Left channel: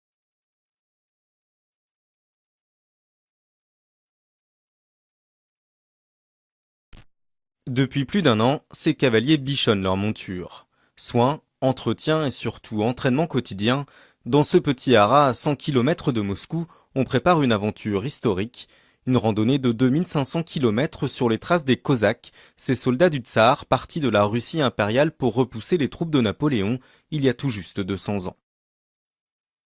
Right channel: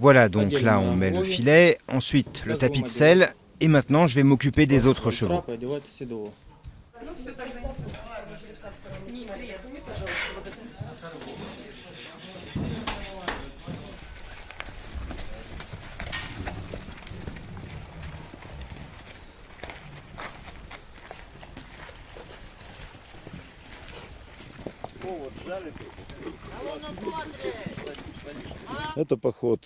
Voilà, donc là on met le filet, ensuite le tapis de selle, et maintenant je vais m'occuper des autres chevaux. Depuis plus d'un an, ces cavaliers bichonnent leur monture. Soins, entretien et surtout entraînement quotidien. Dans ce petit haras à 100 km de Moscou, on prépare une aventure historique. Une randonnée de 2500 km sur les traces des Cosaques, ces soldats du Tsar partis de la Russie impériale pour repousser les troupes de Napoléon il y a tout juste 200 ans.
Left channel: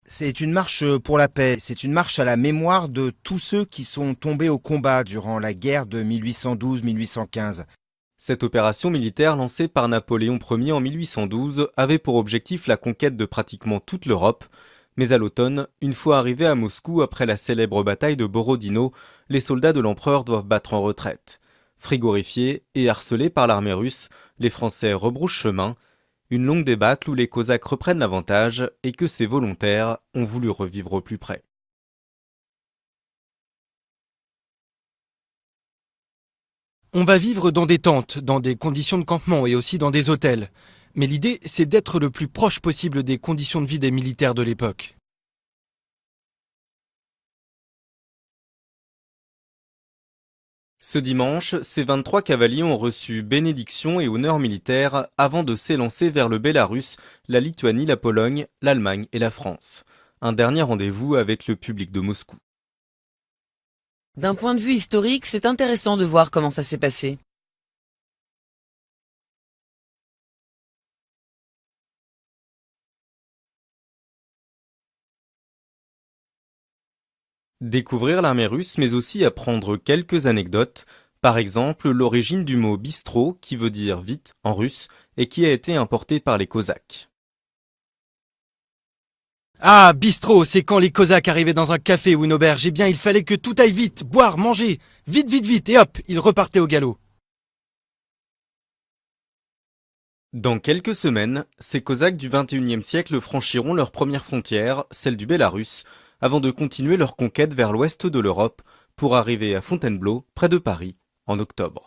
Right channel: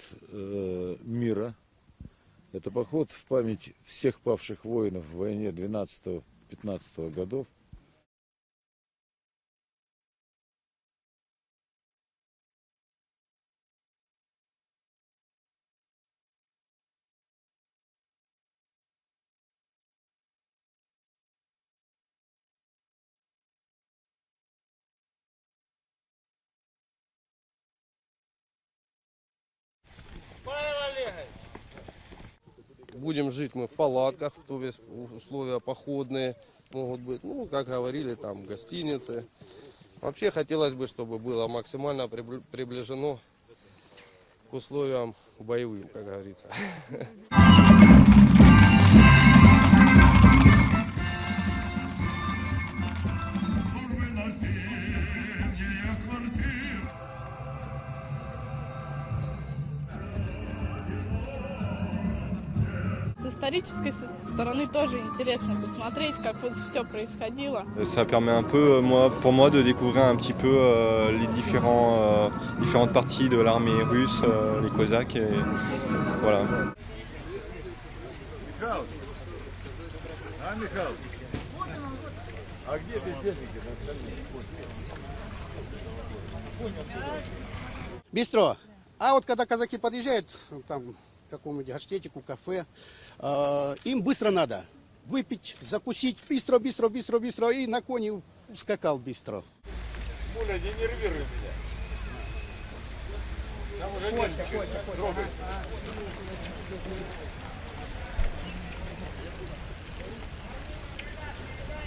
C'est une marche pour la paix, c'est une marche à la mémoire de tous ceux qui sont tombés au combat durant la guerre de 1812-1815. Cette opération militaire lancée par Napoléon Ier en 1812 avait pour objectif la conquête de pratiquement toute l'Europe. Mais à l'automne, une fois arrivés à Moscou après la célèbre bataille de Borodino, les soldats de l'empereur doivent battre en retraite. Frigorifiés et harcelés par l'armée russe, les Français rebroussent chemin. Une longue débâcle où les Cosaques reprennent l'avantage et que ces volontaires ont voulu revivre au plus près. On va vivre dans des tentes, dans des conditions de campement et aussi dans des hôtels. Mais l'idée, c'est d'être le plus proche possible des conditions de vie des militaires de l'époque. Ce dimanche, ces 23 cavaliers ont reçu bénédiction et honneur militaire avant de s'élancer vers le Bélarus, la Lituanie, la Pologne, l'Allemagne et la France. Un dernier rendez-vous avec le public de Moscou. D'un point de vue historique, c'est intéressant de voir comment ça s'est passé. Ça permet un peu, pour moi, de découvrir un petit peu les différentes parties de l'armée russe, les Cosaques. Et voilà. Découvrir l'armée russe, mais aussi apprendre quelques anecdotes. Par exemple, l'origine du mot bistrot, qui veut dire vite en russe, et qui a été importé par les Cosaques. Ah, bistrot, c'est quand les Cosaques arrivaient dans un café ou une auberge. Eh bien, il fallait que tout aille vite, boire, manger. Vite, vite, vite, et hop, ils repartaient au galop. Dans quelques semaines, ces Cosaques du XXIe siècle franchiront leur première frontière, celle du Bélarus, avant de continuer leur conquête vers l'ouest de l'Europe pour arriver à Fontainebleau, près de Paris, en octobre.